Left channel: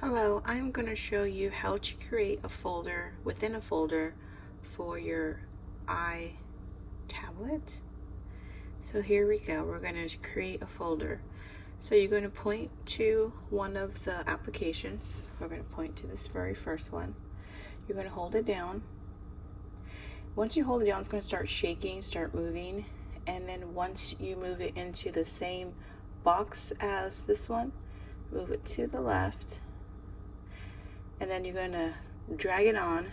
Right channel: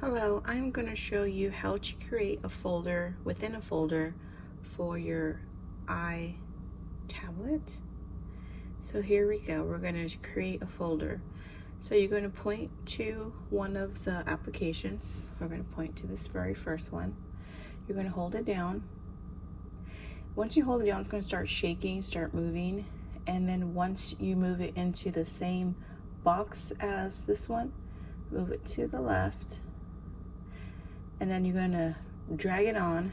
Hello, I'm going to show you how to create a folder within a folder for your iTablet. So here we go. We're going to create a folder. So you're going to point to one of the applications. We're going to point to this very first one. You're going to hold it down. Once you hold it down, it's going to start shaking, start moving. And then once you move it into the same box as this one, move it to the left. And then you're going to drag it on,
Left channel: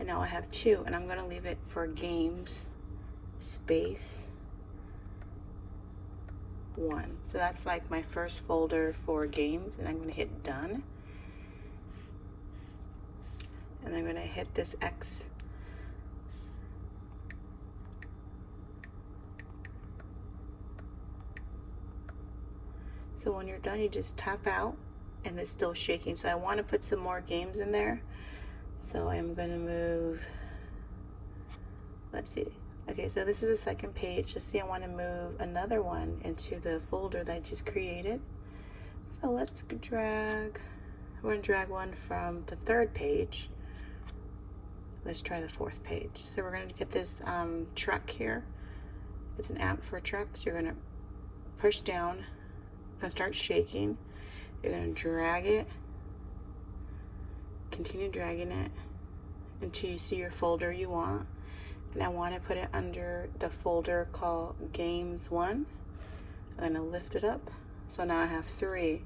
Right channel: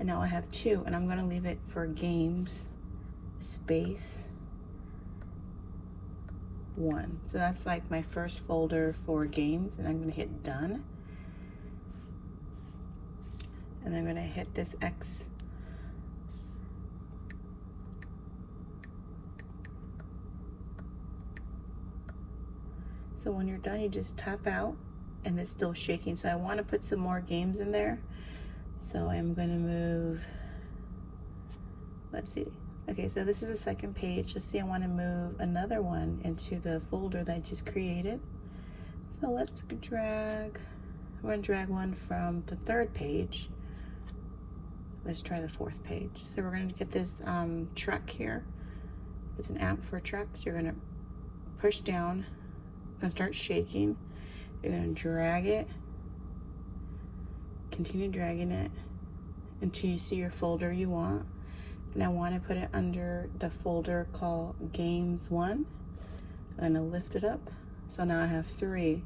and now I have two, and I'm going to leave it for games space 1. So that's like my first folder for games, and I'm going to hit done, and I'm going to hit this X. So when you're done, you just tap out. And it's still shaking, so I want to put some more games in there. So I'm going to move, let's see. Okay, so this is the second page. Let's see, I want to move another one into the folder that I just created. So let's drag, we're going to drag one from the third page. Let's try the fourth page. So we're going to get this truck here. It's an app for trucks. You're going to push down, it's going to start shaking. You're going to drag it, continue dragging it until you see your folder you want. And I want to put it under the folder called Games 1. I'm going to lift it up. So now I have 3.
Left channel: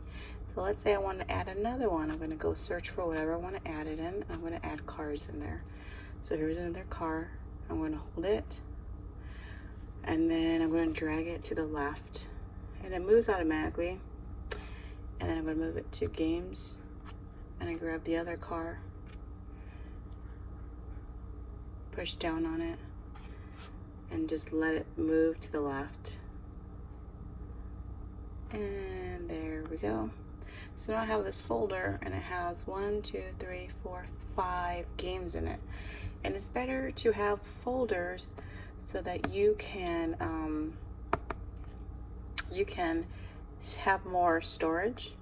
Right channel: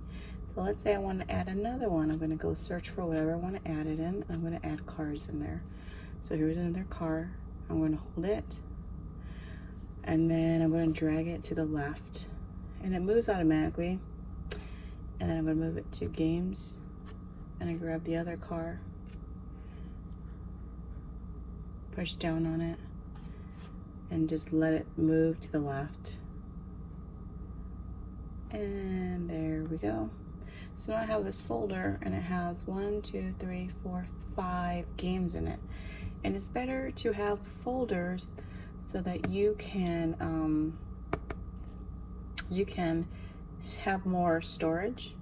So let's say I want to add another one. I'm going to go search for whatever I want to add it in. I'm going to add cars in there. So here's another car. I'm going to hold it. And then I'm going to drag it to the left. And it moves automatically. And then I'm going to move it to games, and I grab the other car, push down on it, and just let it move to the left. And there we go. So now I have this folder, and it has 1, 2, 3, 4, 5 games in it. And it's better to have folders so that you can have more storage.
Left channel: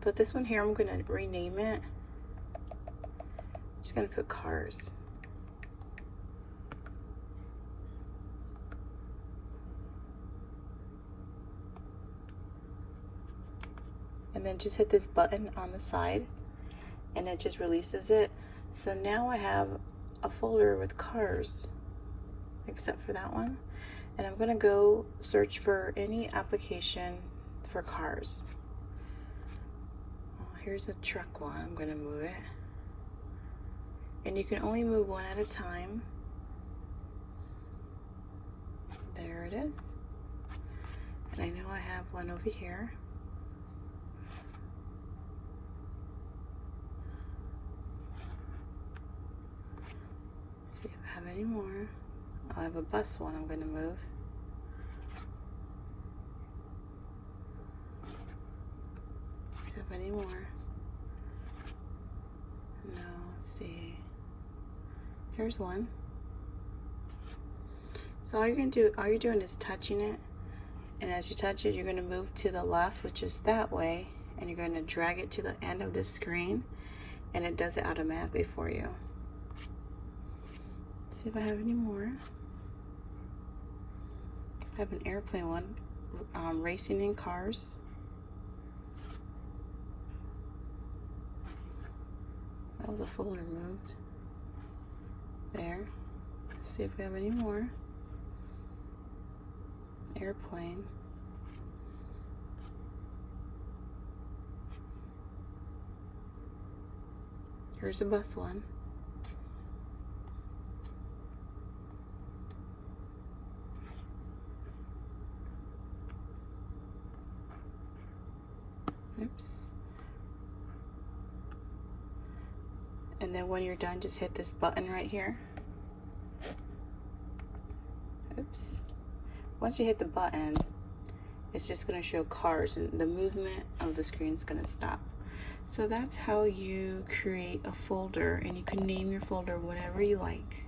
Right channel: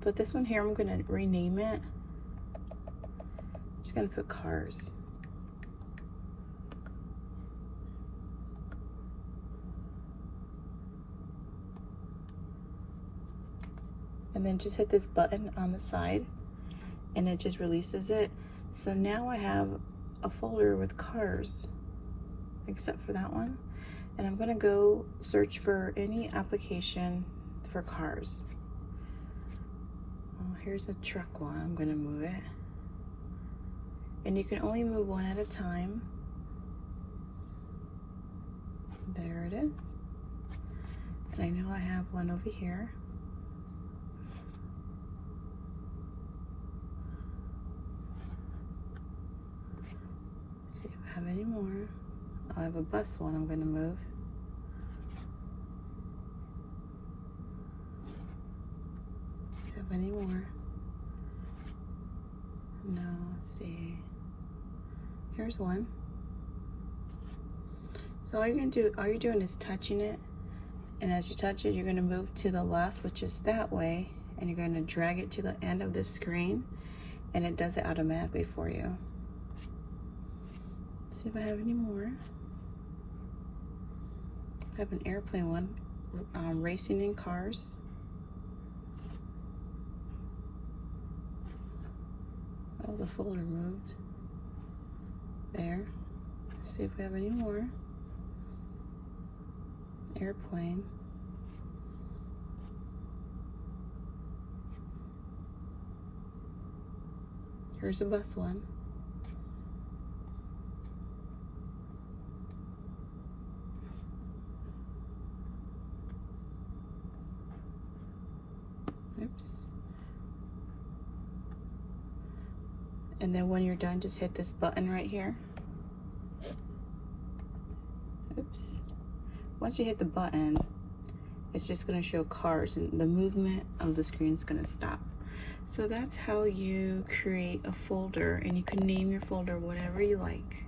But this one here, I'm going to rename it. I'm just going to put cars. And then just hit this button on the side, and it just releases it. So now I have a folder with cars, except for that one. And I'm going to go search for any application for cars. Oh, here's a truck one. I'm going to move it. And you can only move one at a time. There it is. And I know I have one over here. See if I have any more. I have a bus one I'm going to move. Does it have any more? No, let's see. Here's one. So all you're doing is touching it. And as you touch it, you're going to move to the left, which is that way. And you're going to drag it to the end of the screen. And it does it automatically for you. See if I have any more. I have an airplane one, racing in cars. Oh, the folder moved. There. Let's see if we have any more. Airplane. Here's a bus one. Oops. And then when you're done, just hit this button right here. Oops. Once you hit the button, it's just going to show cars, and the movement of the screen is going to stop. So that's how you create a folder, and you can name your folder whatever you like.